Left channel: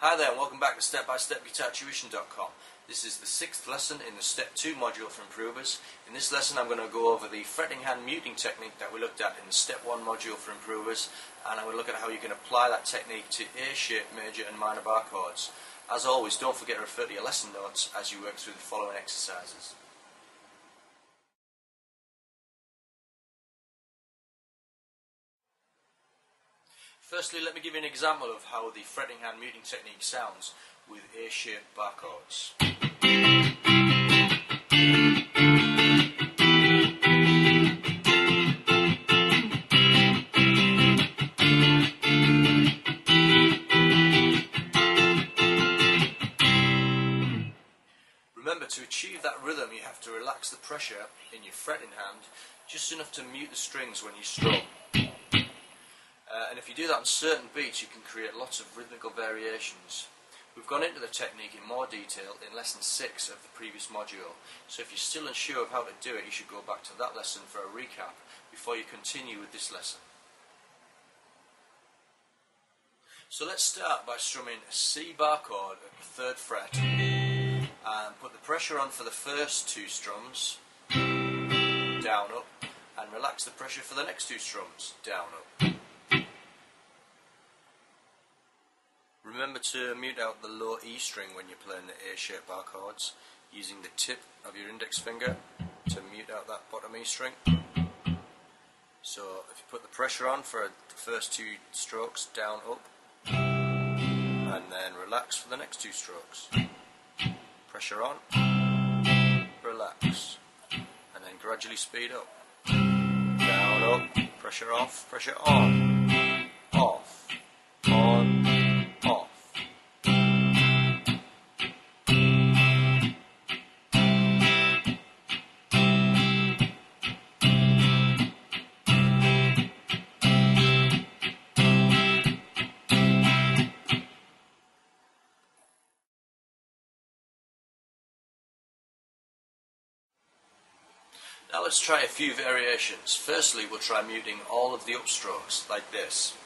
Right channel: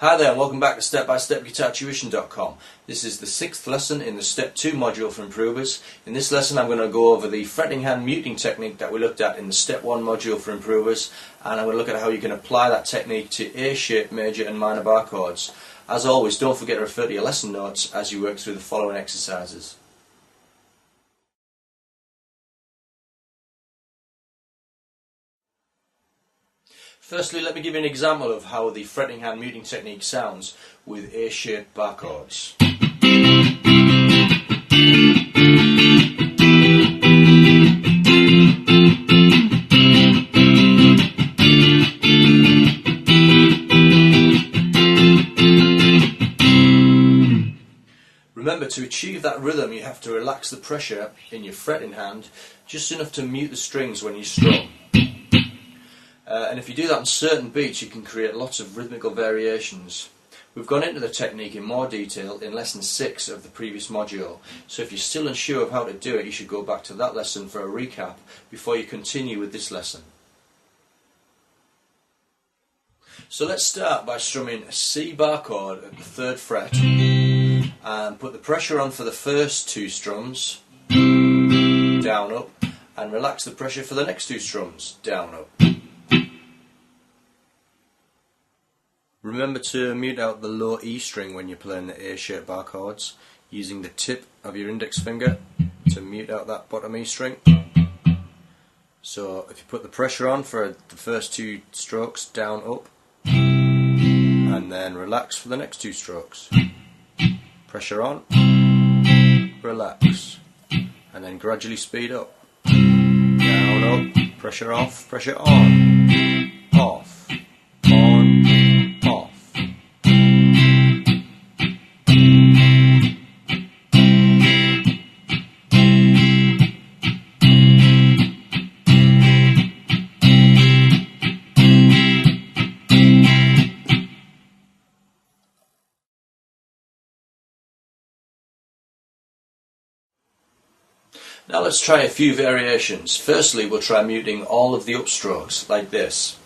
Hi there and welcome back to StepByStepGuitarTuition.com. This is the 6th lesson in the Step 2 module for improvers. In this lesson I'm going to go over the fretting hand muting technique that we looked at in the Step 1 module for improvers, and I'm going to look at how you can apply that technique to A-shape major and minor bar chords. As always, don't forget to refer to your lesson notes as you work through the following exercises. Firstly, let me give you an example of how the fretting hand muting technique sounds with A-shaped bar chords. Remember, to achieve that rhythm you have to relax the pressure in your fretting hand just enough to mute the strings when you strum. And if you do that on certain beats, you can create lots of rhythmical variations. We've gone into the technique in more detail in lesson 6 of the previous module, so if you're still unsure of how to do it, you should go back to that lesson for a recap before you continue with this lesson. So let's start by strumming a C bar chord at the 3rd fret and put the pressure on for the first 2 strums, down, up, and relax the pressure for the next 2 strums, down, up. Remember to mute out the low E string when you're playing the A-shaped bar chords, using the tip of your index finger to mute out that bottom E string. So if you put the pressure on for the first 2 strokes, down, up, and then relax for the next 2 strokes. Pressure on, relax, and then gradually speed up. Down, up, pressure off, pressure on, off, on, off. Now let's try a few variations. Firstly, we'll try muting all of the upstrokes, like this.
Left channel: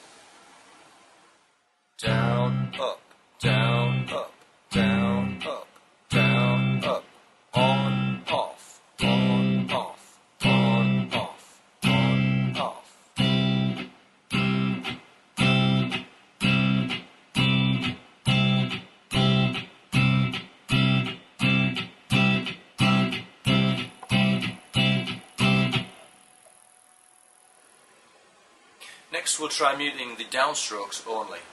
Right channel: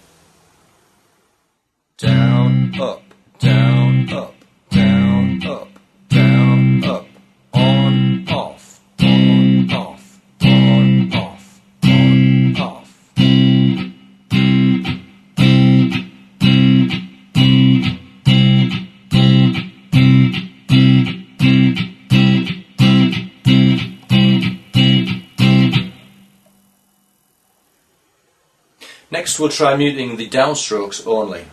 Down, up, down, up, down, up, down, up, on, off, on, off, on, off, on, off. Next we'll try muting the downstrokes only.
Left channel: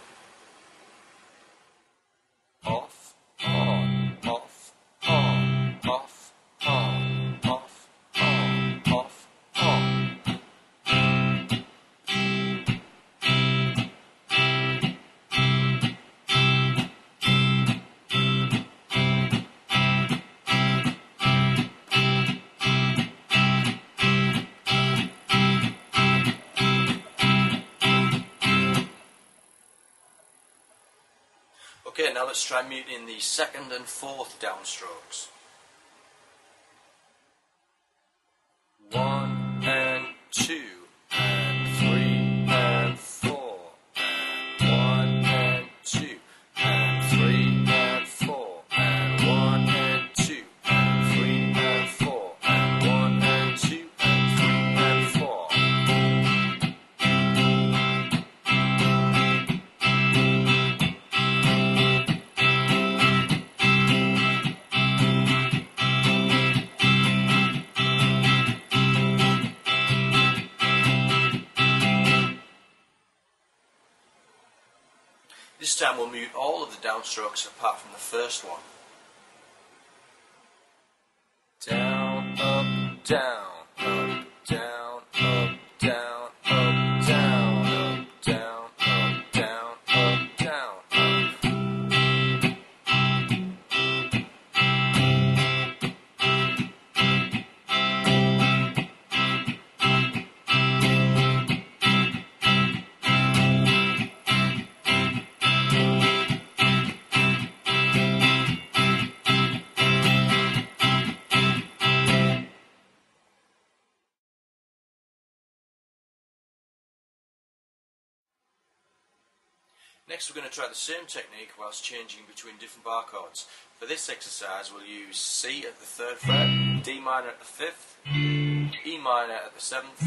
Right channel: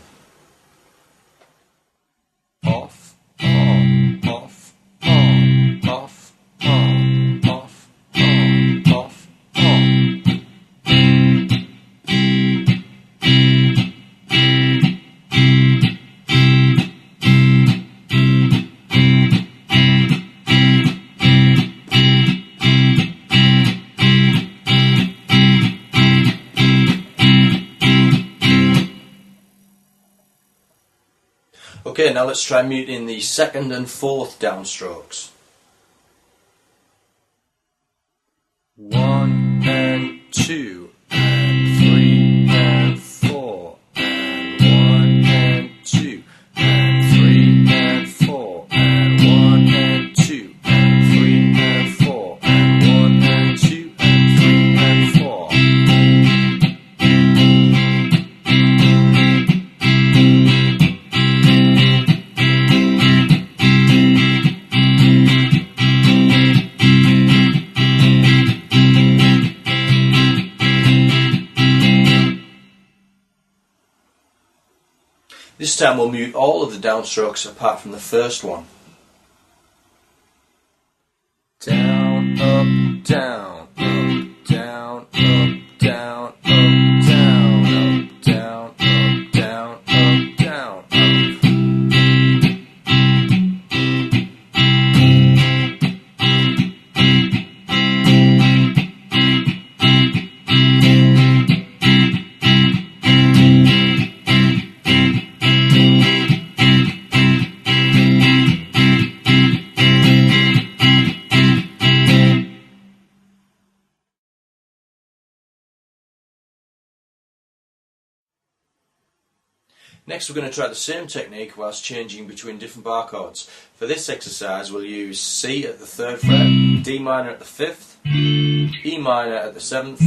Off, on, off, on, off, on, off, on, off, on. Okay, now let's try muting the 2nd and 4th downstrokes. 1 and 2 and 3 and 4 and 1 and 2 and 3 and 4 and 1 and 2 and 3 and 4 and 1 and 2 and 3 and 4. This time we'll mute all of the downstrokes apart from the first one. Down, up, down, up, down, up, down, up, down, up, down, up, down, up, down, up. Next we're going to try the same technique whilst changing between different bar chords. For this exercise we'll use C at the 3rd fret, D minor at the 5th, E minor at the 7th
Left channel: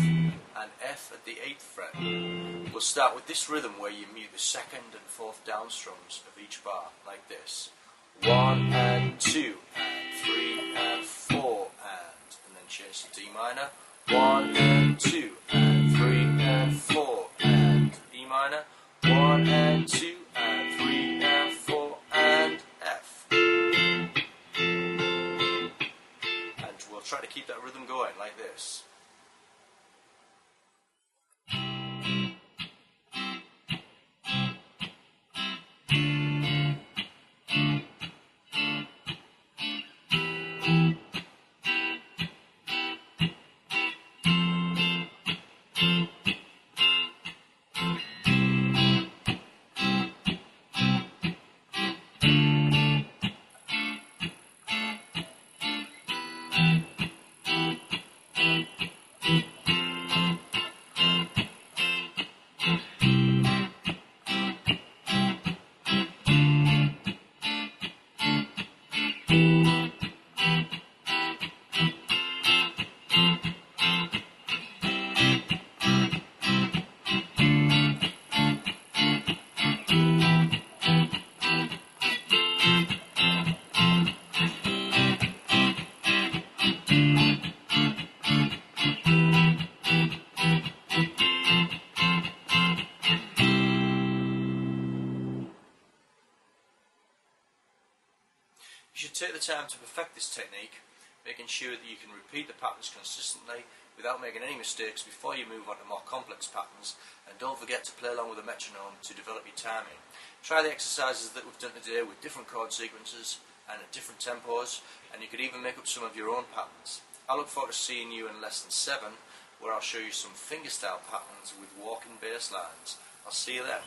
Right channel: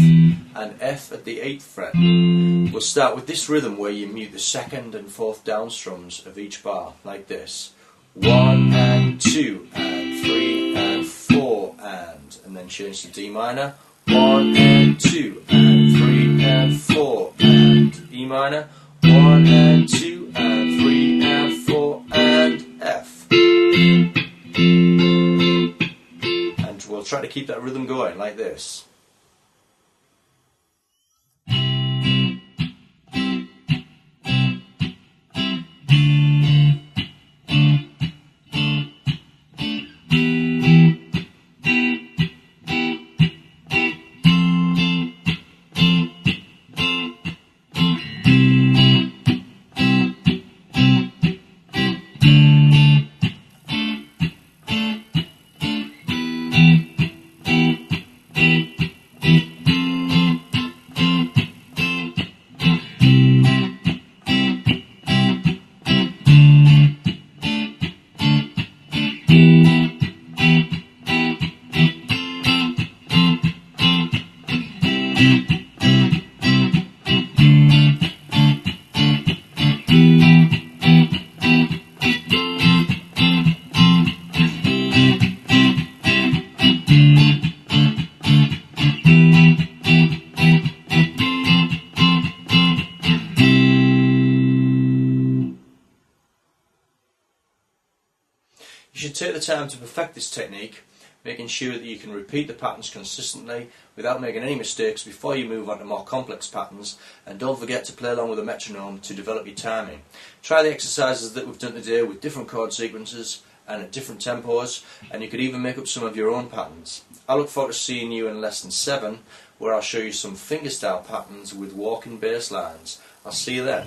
and F at the 8th fret. We'll start with this rhythm where you mute the 2nd and 4th down strums of each bar, like this. 1 and 2 and 3 and 4 and then change to D minor. 1 and 2 and 3 and 4 and E minor. 1 and 2 and 3 and 4 and F. And we'll try to keep that rhythm going like this. You should take the time to perfect this technique, making sure that you can repeat the patterns consistently without making any mistakes before you move on to more complex patterns, and don't forget to play along with a metronome to develop your timing. Try the exercises that we've done today with different chord sequences and at different tempos, and you could even make up some of your own patterns. I look forward to seeing you in lesson 7 where I'll show you some fingerstyle patterns with walking bass lines. I'll see you then.